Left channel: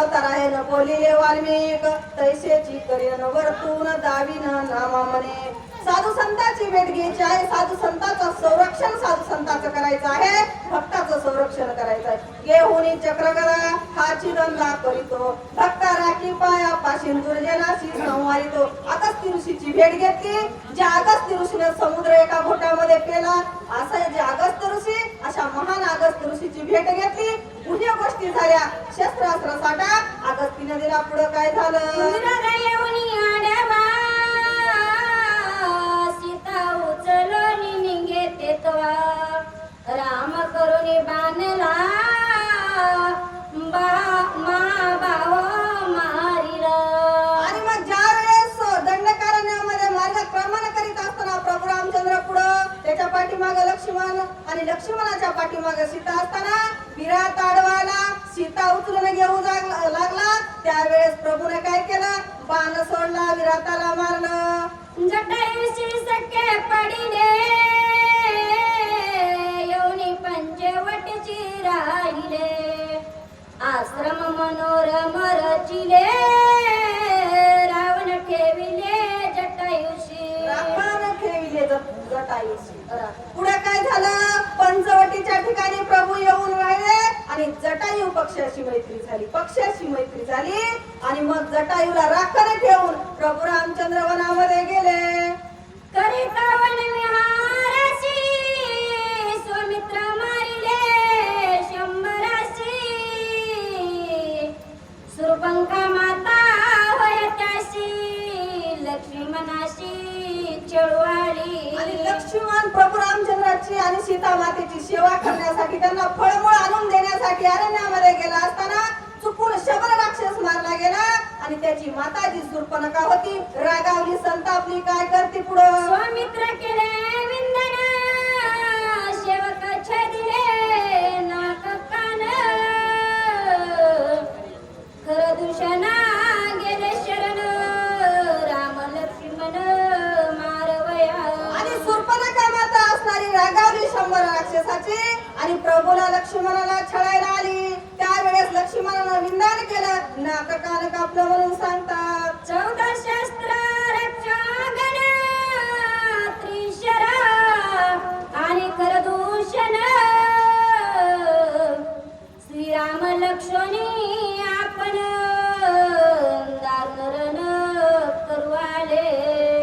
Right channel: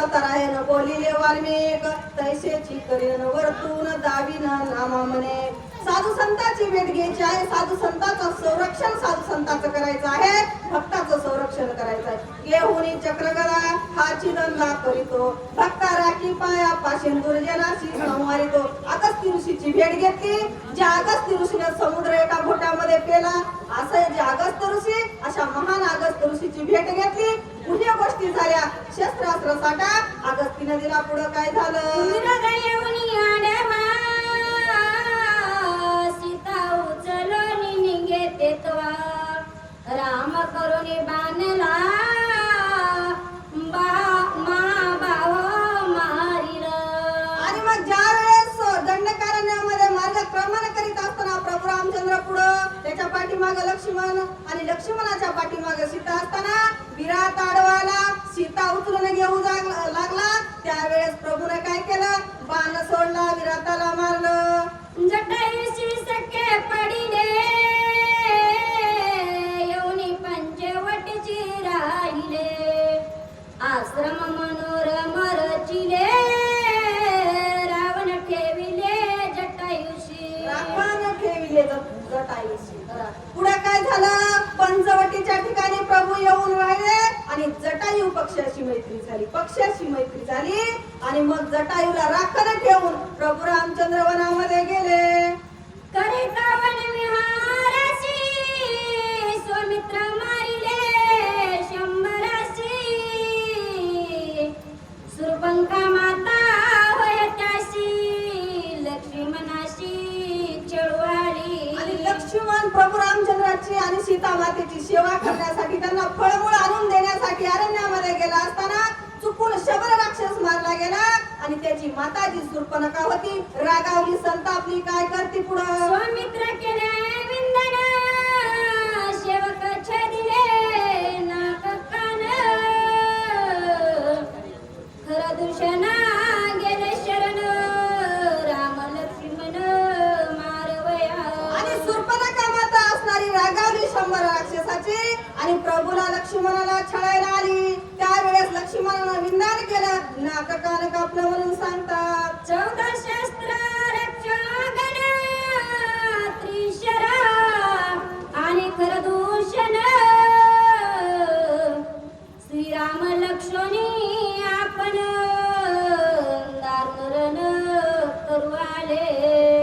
अवतार आहे न बोलिले वाल्मिक तैसेची करीन वर्तून दाविन नामा म्हणे. साधू संतांची भेट घ्यायची आहे, साधू संतांचं संरक्षण साधू संतांचं करायचं आहे, भक्ताचं संरक्षण करायचं आहे. घेऊनी चक्रगदा हा चिदंदा करीतो, भक्ता राखी पाया पाशीन दुर्जनाशी संवारितो. अगस्त्य ऋषीची भेट घेतली, ज्या अगस्त्य ऋषीने समुद्र एका घोटामध्ये पेला, असं जे अगस्त्य ऋषी अशा महान अगस्त्य ऋषीची भेट घेतली. पुढ्या गोष्टी झाल्या, शस्त्रास्त्र साठा अगस्तीने दिला. पुढे काय झालं? राम करुणी बाणला महाभाव मारिला. आणि मग ज्या वेळेस दंडकारण्यामध्ये मार्गक्रमण करीत असताना प्रभू रामचंद्र पुढं, त्याच्या पाठीमागे लक्ष्मण आणि लक्ष्मणाच्या पाठीमागे सीता असताना विराट आडवाला सीता उचलून घेऊ लागला. त्यावेळेस प्रभूने काय केलं? बाण सोडला, विराटाला मारलं. जटायुशी सखे पडिले येऊनी पंचवटीची राहिले. आश्रम मनोरम रचिले रावण ठेविले जटायुशी. रावण ठेविले जटायुशी. पुढे काय झालं? पंचवटीच्या ठिकाणी प्रभू येऊन राहिले आणि जटायू पक्षाशी मैत्री झाली, पक्षाशी मैत्री झाली. आणि मग जटायूला राखण ठेवून प्रभू रामचंद्र वनामध्ये गेले. करिता वनविहारासी स्वमित्र मारिले शंभरासी. सुरपंखा माता होय त्याशी लक्ष्मणाशी चळवाली. आणि लक्ष्मण प्रभू रामचंद्राची आणि सीता मातेची सेवा करण्यासाठी, त्यांना फळमूळ आणून देण्यासाठी अरण्यामध्ये गेला असताना चुकून शबल राक्षस मारला गेला आणि त्याची माता जी शूर्पणखा होती रागावली, संतापली. काय करते पुढं? स्वामित्र केले विंदन सेवक छदिले नाक कान. खर दूषणा गेले शरण राम लक्ष्मण मारवया. आणि शूर्पणखा माता असणारी रागावली 100 राक्षसाची आणि प्रभूला लक्ष्मणाला छळायला आली. त्यावेळेस लक्ष्मणानं विंदान केलं, नाक कान कापलं म्हणून सांगतात. 14 शस्त्र रक्षागण त्रिशरा आणि खरदूषण. श्रीराम लक्ष्मणी आपण दारुण करू आले.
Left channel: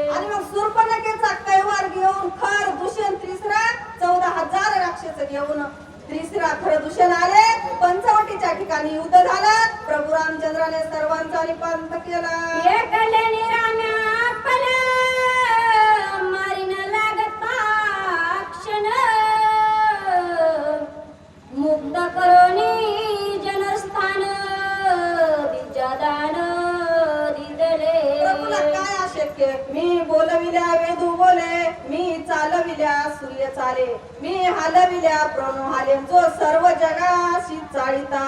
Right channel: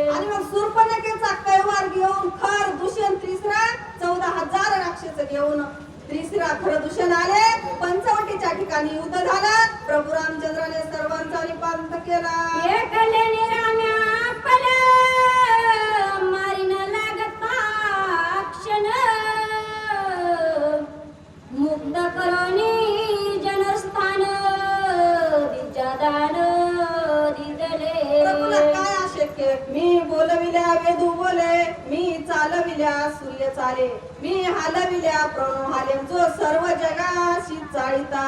आणि मग शूर्पणखेचा कैवार घेऊन खर दूषण त्रिसरा 14,000 राक्षस घेऊन त्रिसरा खर दूषण आले. पंचवटीच्या ठिकाणी युद्ध झालं. प्रभू रामचंद्राने सर्वांचा निपात केला. एकल्याने राम्या पल मारिन लागता क्षण. मुक्त करोनी जनस्थान दिजादान दिदले. प्रभूला काय अशक्य? मी बोलविल्या वेदू बोले, मी चालविल्या सूर्य चाले, मी हालविल्या प्रणू हाले, जो सर्व जगाशी चाळीता.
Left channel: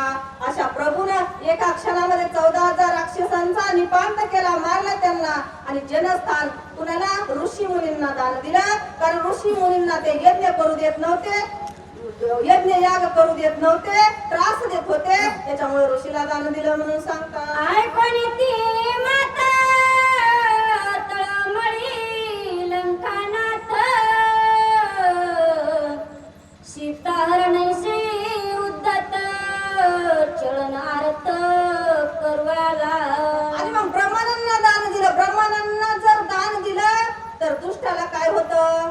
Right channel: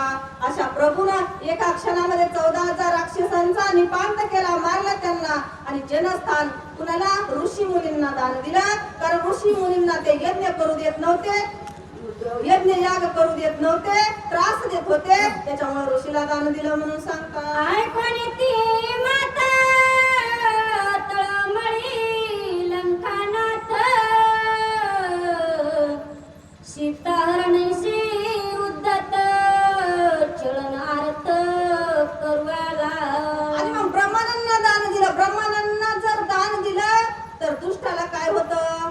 अशा प्रभूनं एका क्षणामध्ये 14,000 राक्षसांचा निपात केला, मारला त्यांना. आणि जनस्थान कुणाला? ऋषी मुनींना दान दिलं. कारण ऋषी मुनींना ते यज्ञ करू देत नव्हते, यज्ञ याग करू देत नव्हते, त्रास देत होते. त्याच्यामुळे ऋषीला दान दिलं म्हणून सांगतात. ऐकोनी ती माता तळमळी लंकानाथ. सीताहरणैसी उद्धत चलन आरत करवाला. आणि मग ब्रह्मानंद दान दिलं. ब्रह्मानंद जर दान दिलं तर दुष्टाला काय होतं?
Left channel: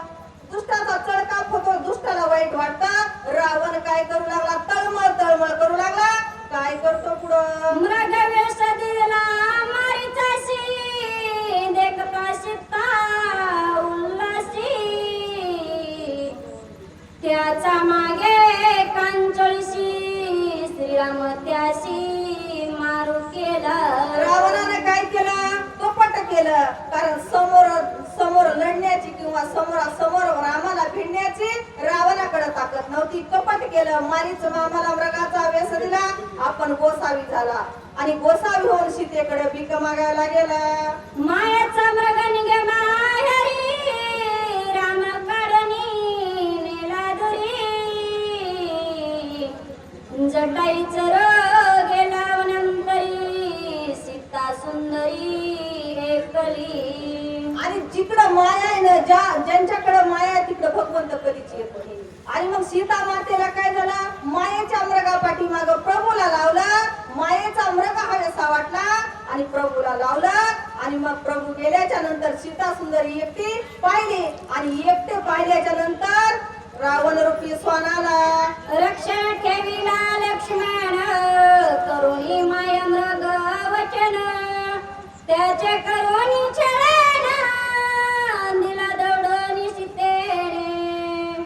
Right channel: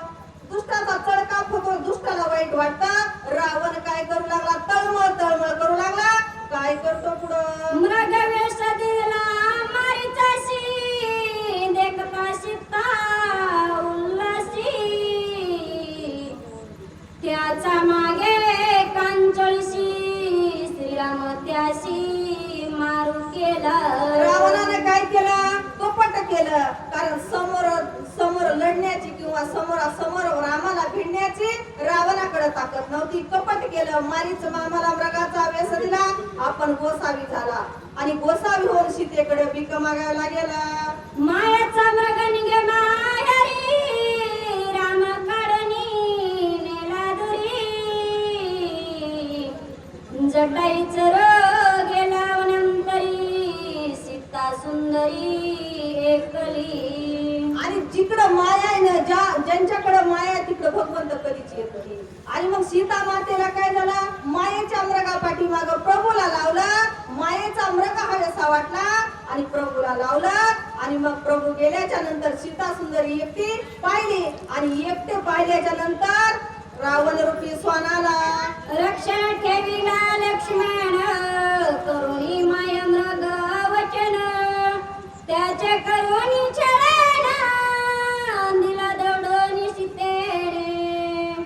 दुष्टाचा चळकाप होतो, दुष्टाला वाईट वाटतं. रावण काय करू लागला? तळमळ तळमळ करू लागला. काय करतो पुढं? मृग वेष दिला मारीचाशी देखता सीता उल्हासी. त्याचा मागे कांचळशी श्रीराम त्याशी मारू केला. रावणाने काय केलं? कपट केलं. कारण समोर लढण्याची किंवा समोरासमोर रामाला भिडण्याची रावणाकडे ताकद नव्हती. कपट केलं. मारीच मामाला मृगाचा वेश दिला, आपण गोसावी झाला आणि गोसावी होऊन सीतेकडे भीक मागायला गेला. मायाचा मृग निघे माहेरी राम काढणी नेला दुरी. जटाईच गेला नंतरी ज्यांच्याकडे माया आहे तिकडे भगवंत कधीच येत नाही. आणि मग सीता मातेला काय झालं, मायेच्या मृगा पाठीमाग प्रभूला लावलं, मायेचा मृग हवेसा वाटला आणि प्रभूला लावलं. आणि मग प्रभू गेल्याच्या नंतर सीता सुंदरी एकटी पाहिली आणि एकटे पाहिल्याच्या नंतर रावण रूपी स्वानाला रक्षण ठेविला लक्ष्मण करुणी माय मृग वचन त्याचे करुणी छळण दिला दौडून सीतेने.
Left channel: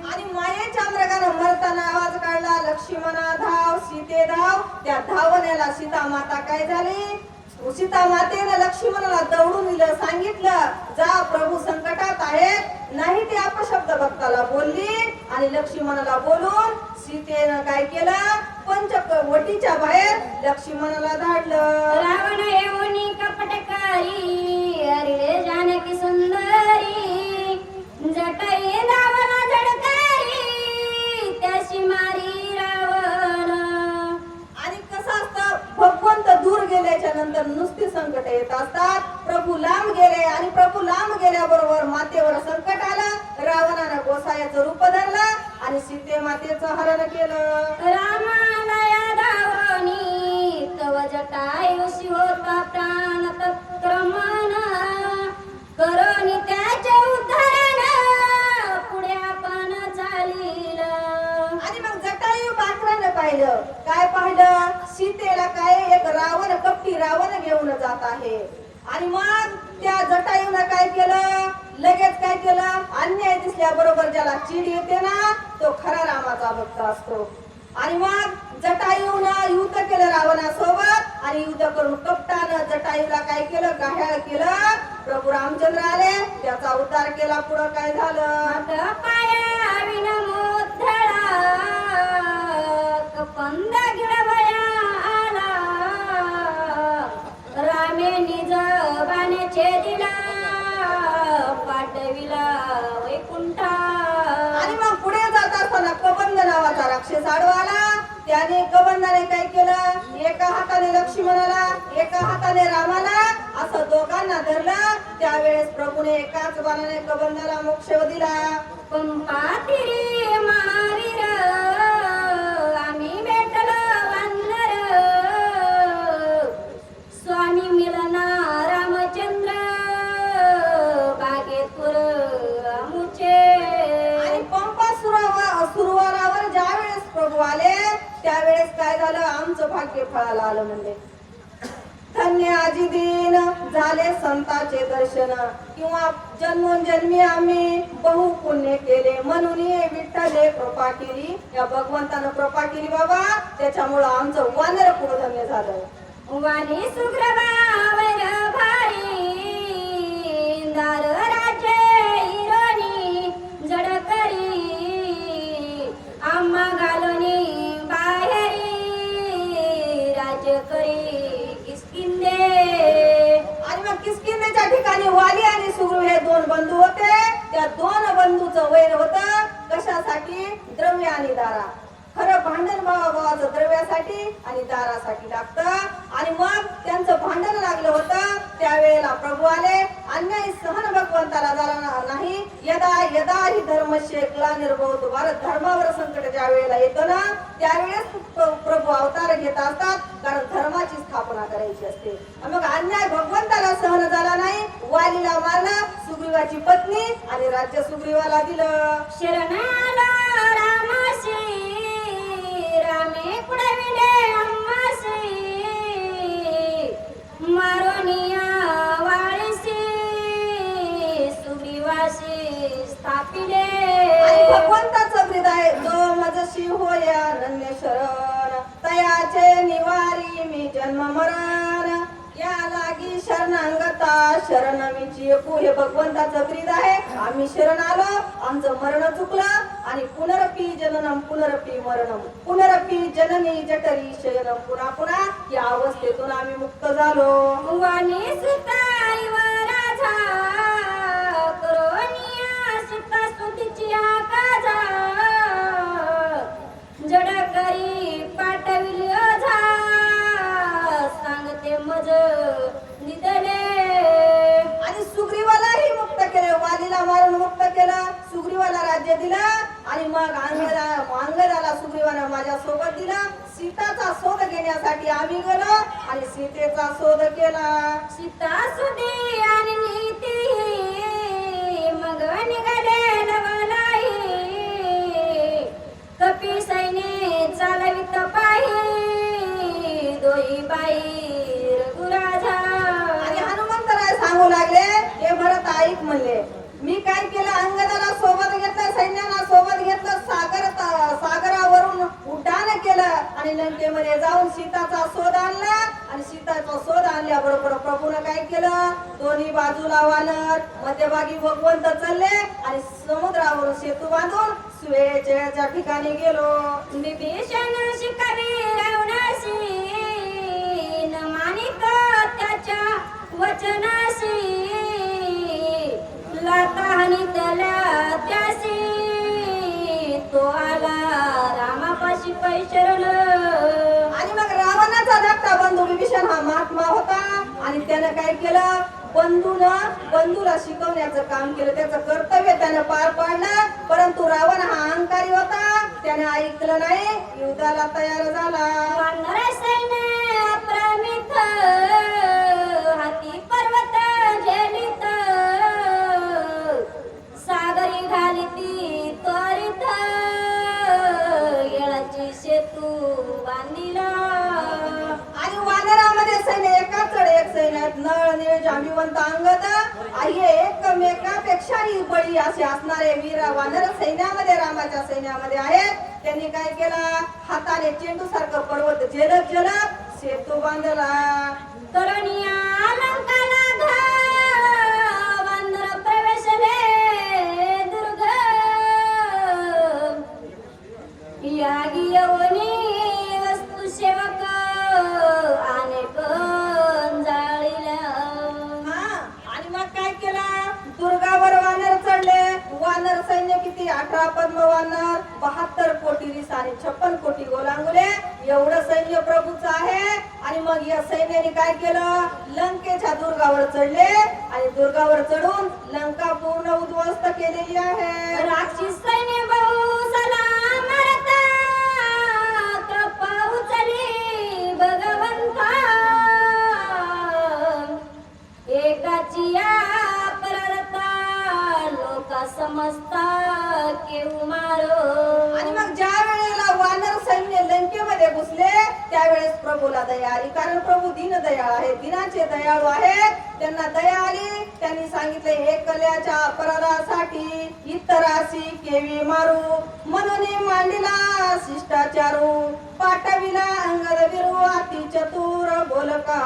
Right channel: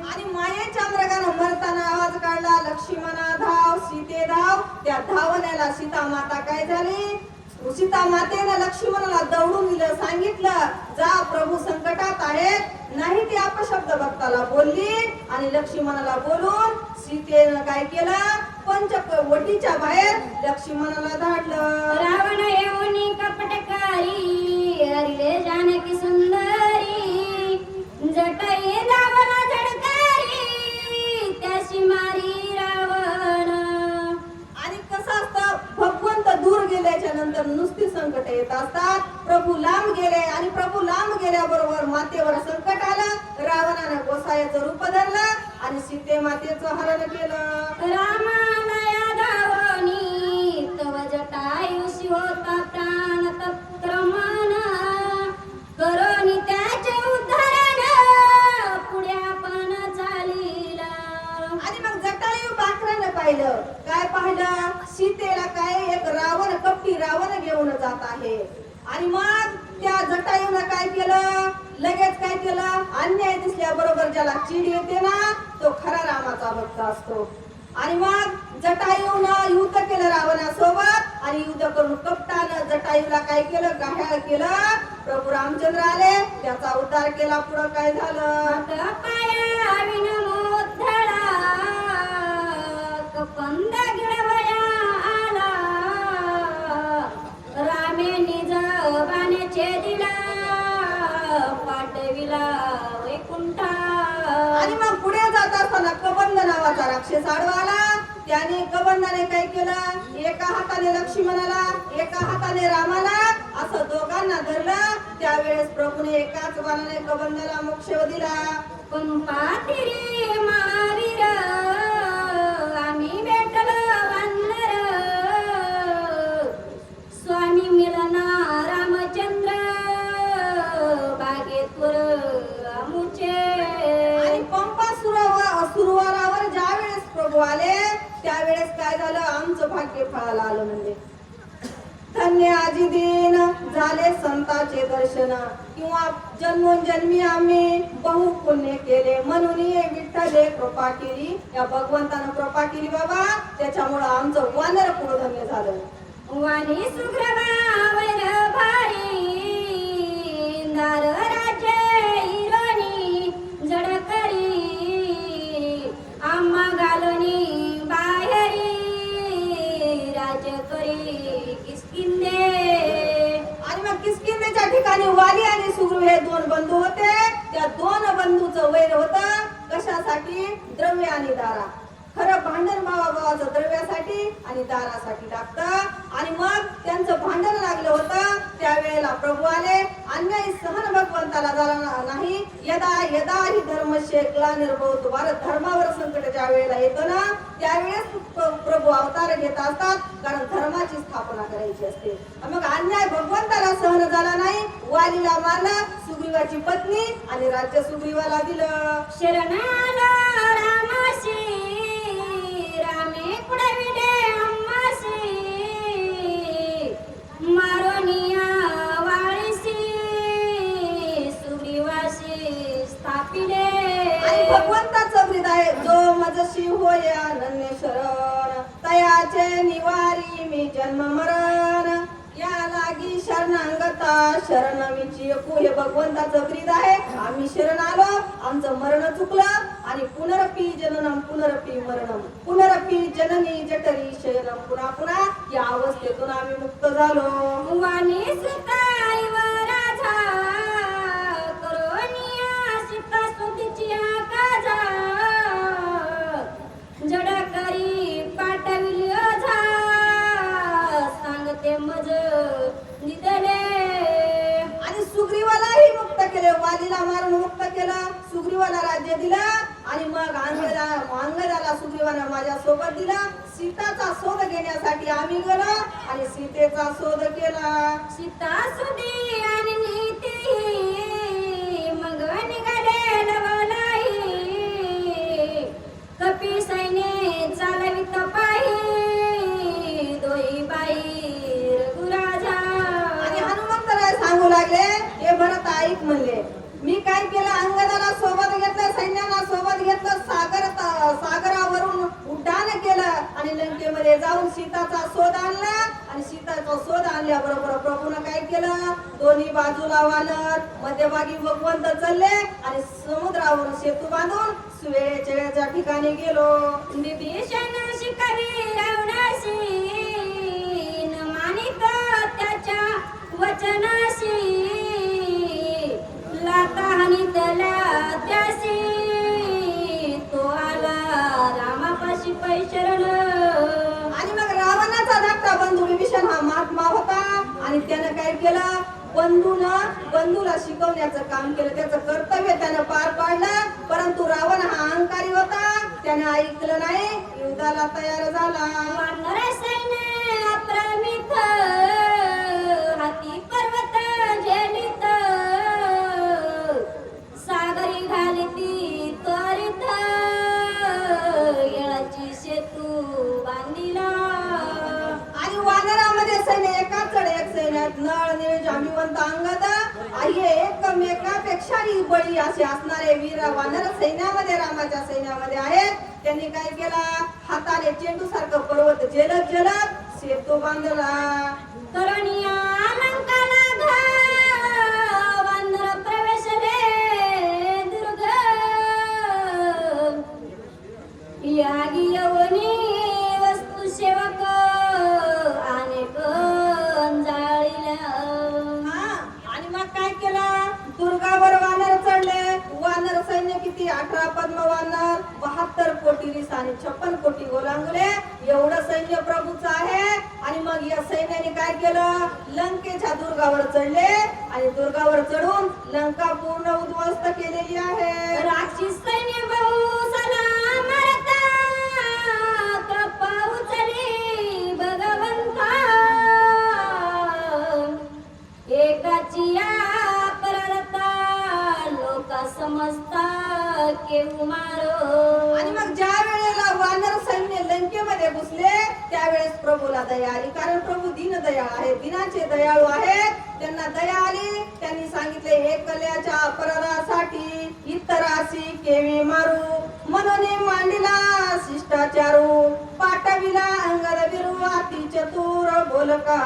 आणि मायेच्या मृगानं मरताना आवाज काढला, लक्ष्मणा धाव सीते धाव. त्या धावण्याला सीता माता काय झाली, सीता मातेने लक्ष्मणाला दौडून दिलं, सांगितलं जा प्रभू संकटात आहेत. नाही ती अपशब्द भक्ताला बोलली आणि लक्ष्मणाला बोलून सीतेनं काय केलं, पंचवटीच्या बाहेर लक्ष्मणाला धाडलं. रावण येऊनी कपटकारी हरिले जानकी सुंदरी जटाई रावण झडकारी त्याशी मारी रावण. आणि कसं असतं, भगवंत दूर गेल्याच्या नंतर नुसती संकट येत असतात. प्रभू लांब गेले आणि प्रभू लांब गेल्याबरोबर मातेवर संकट आलं. रावणानं गोसायाचं रूप धरलं आणि सीते मातेचं हरण केलं. रामाला या धावनी तव जटायुषी होता प्राण तत्क्रमण करोनी त्याचे उद्धरण पुढे आपण चालिलं. आणि मग जटायू पाखरानं पाहिलं, काय पाहिलं, सीतेला काय एक रावण कपटी रावण घेऊन जात आहे. आणि मग त्या जटायूनं काय केलं, लगेच काय केलं, अन्याय दिसल्याबरोबर ज्याला चीड येते ना तो खरा रामाचा भक्त असतो. आणि मग जटायूनं युद्ध केलं रावणासोबत आणि युद्ध करून कपटानं जटायूला काय केलं, घायाळ केलं. प्रभू रामचंद्र आले, त्याचा उद्धार केला. पुढं काय झालं, पाया विनमोद्धळा कपंद गिळवया आला रामे निज बाणे छेदिला पाठविला वैकुंठा. आणि मग पुढे जात असताना कबंद नावाचा राक्षस आडवा आला. त्याने कबंदाने काय केलं, एका हाताने लक्ष्मणाला एका हाताने रामाला असं दोघांना धरलं. त्यावेळेस प्रभूने एकाच बाणाने कबंदाला मोक्ष दिला. पंपातिरी महावीर आम्ही भेटलो वानर स्वामी मिलना रामचंद्र बागेतूर आमुचे. आणि पंपा सुरवारावर ज्यावेळेस प्रभू आले त्यावेळेस काय झालं, आमचं भाग्य फळाला आलं. म्हणजे धन्य आजी दिन झाले संतांचे दर्शन किंवा जन्मोजन्मी आम्ही बहु पुण्य केले म्हणून विठ्ठले कृपा केली. या भगवंतानं कृपा केली बाबा, त्याच्यामुळं आमचं वानर कुळ धन्य झालं. वाणी सुग्रवावर भारी दार राज्य हिरोनी जडकरी आम्हा घालूनी बाहेरी राज्य करी किसकिंदे. आणि मग किष्किंधेच्या ठिकाणी वाली आणि सुग्रीव हे दोन बंधू होते. त्या दोन बंधूचं वैर होतं कशासाठी, द्रव्य आणि दारा. खरं भांडण भावाभावाचं द्रव्यासाठी आणि दारासाठी लागतं. आणि मग त्यांचं भांडण लागलं होतं. त्यावेळेला प्रभू आले. अन्याय सहन भगवंताला झाला नाही. यदा यदा ही धर्मस्य ग्लानिर्भवतो, भारत धर्मावर संकट ज्या वेळेला येतं ना त्यावेळेस प्रभू अवतार घेत असतात, कारण धर्माची स्थापना करायची असते. मग अन्याय भगवंताला सहन झाला नाही. वालीला मारला, सुग्रीवाची पत्नी आणि राज्य सुग्रीवाला दिलं. शरणाला रामाशी रामे पुढविले अम्माशी मारोनिया वाळीशी सुग्रीवाशी स्थापिले. आणि भगवंताचं ब्रीद आहे, जो मजशी होय अनन्य शरण तयाचे निवारी मी जन्म मरण या लागी शरणांगता शरणमीची एकू. हे भगवंताचं ब्रीद आहे. आम्ही शरण आलो, आमचं मरण चुकलं आणि पुनरपी जननम पुनरपी मरणम पुनरपी जननी जठरी शयनम. पुन्हा पुन्हा या अवस्थेतून आम्ही मुक्त झालो. वाणी सुताई व राजा करोनिया सीता स्तुतीची आकाजा जडकरी पाठविली ओझा सांगते मज निदले. आणि सुग्रीवालाही मुक्त केले, वालीला मारून मुक्त केलं. राज्य दिलं आणि मग अंगदाला सुग्रीवानं माझ्या सोबत दिला. सीताचा शोध घेण्यासाठी आम्ही गेलो आणि सीतेचा शोध केला. सीता सुदी आणि नीती मग निघाले लवलाई कपी सैन्य चालवित पाही दोई बाई रघुराजा. आणि हनुमंतराय सांगू लागले, हे भरत ऐक म्हणले, मी काय केलं, अंगदाला सोबत घेतलं, सैन्याला सोबत घेतलं, सागरावरून उड्डाण केलं आणि लंकेमध्ये जाऊन सीताचा शोध आणला. आणि सीताचा शोध आणल्याबरोबर प्रभूनं काय केलं, दोन्ही बाजूला वानर, मध्यभागी भगवंत चालले आणि समुद्रावरून सेतू बांधून सुवेच्या ठिकाणी गेलो. विभीषण शिकारी रावणाशी न मानिक त्याच्या वचनाशी लाता हानितला त्यासी तो आला रामापाशी पैशरण. आणि मग रावणाचा धाकटा बंधू विभीषण हा महात्मा होता आणि त्यानं काय केलं, बंधूला शिकवण्याचं काम केलं, त्याचं कर्तव्य त्यानं पार पाडलं. परंतु रावण हा अहंकारी होता, त्याने ऐकलं नाही, युद्धाला तयार झाला. वानर सैन्य अप्रमित हाती पर्वत झेलित सागरी घालिती त्वरित येळाची सेतू बांधिला. आणि वानरामध्ये सैन्य एका चढ एक सैन्यात नळ निळ जांबीवंत अंगद आहे, एकमेकापेक्षाही बळी असे असणारे वीर वानर सैन्यामध्ये रामाच्या सैन्यामध्ये आहेत. त्यांनी काय केला, हाताने चेंडू सारखं पर्वत झेलत सेतू बांधला. तरुणिया लंकाला वानर प्रवेशले दुर्ग यागी यवनी वस्तू सेवक अनेक जाळील्या. आणि मग काय केला, दुर्गावर वानर चढले. वानर सैन्य किती, 18 पद्म वानर, 72 कोटी रिस आणि 56 कोटी गोलांगुले, एवढं सैन्य प्रभूचं आहे. आणि मग या सैन्याने काय केलं, लंकेच्या दुर्गावर चढले आणि दुर्गावर चढून लंका पूर्ण उद्ध्वस्त केलेली आहे. राक्षस सैन्य बहु सलाम मारता कृपा उचली भगवंता एकाची अपराधता लोक समजता केऊ मारो. आणि मग ज्या वेळेला वानर सैन्य लंकेमध्ये घुसले त्यावेळेस प्रभूला दया आली, कारण प्रभू दीनदयाळ आहे, दिनाचे दयाळू आहेत. त्यांना दया आली, त्यांनी सांगितले, एकल्याच्या अपराधासाठी इतरासी केवी मारू, म्हणून मांडिला शिष्टाचारू, पाठविला अंगद विरू अति चतुर बोलका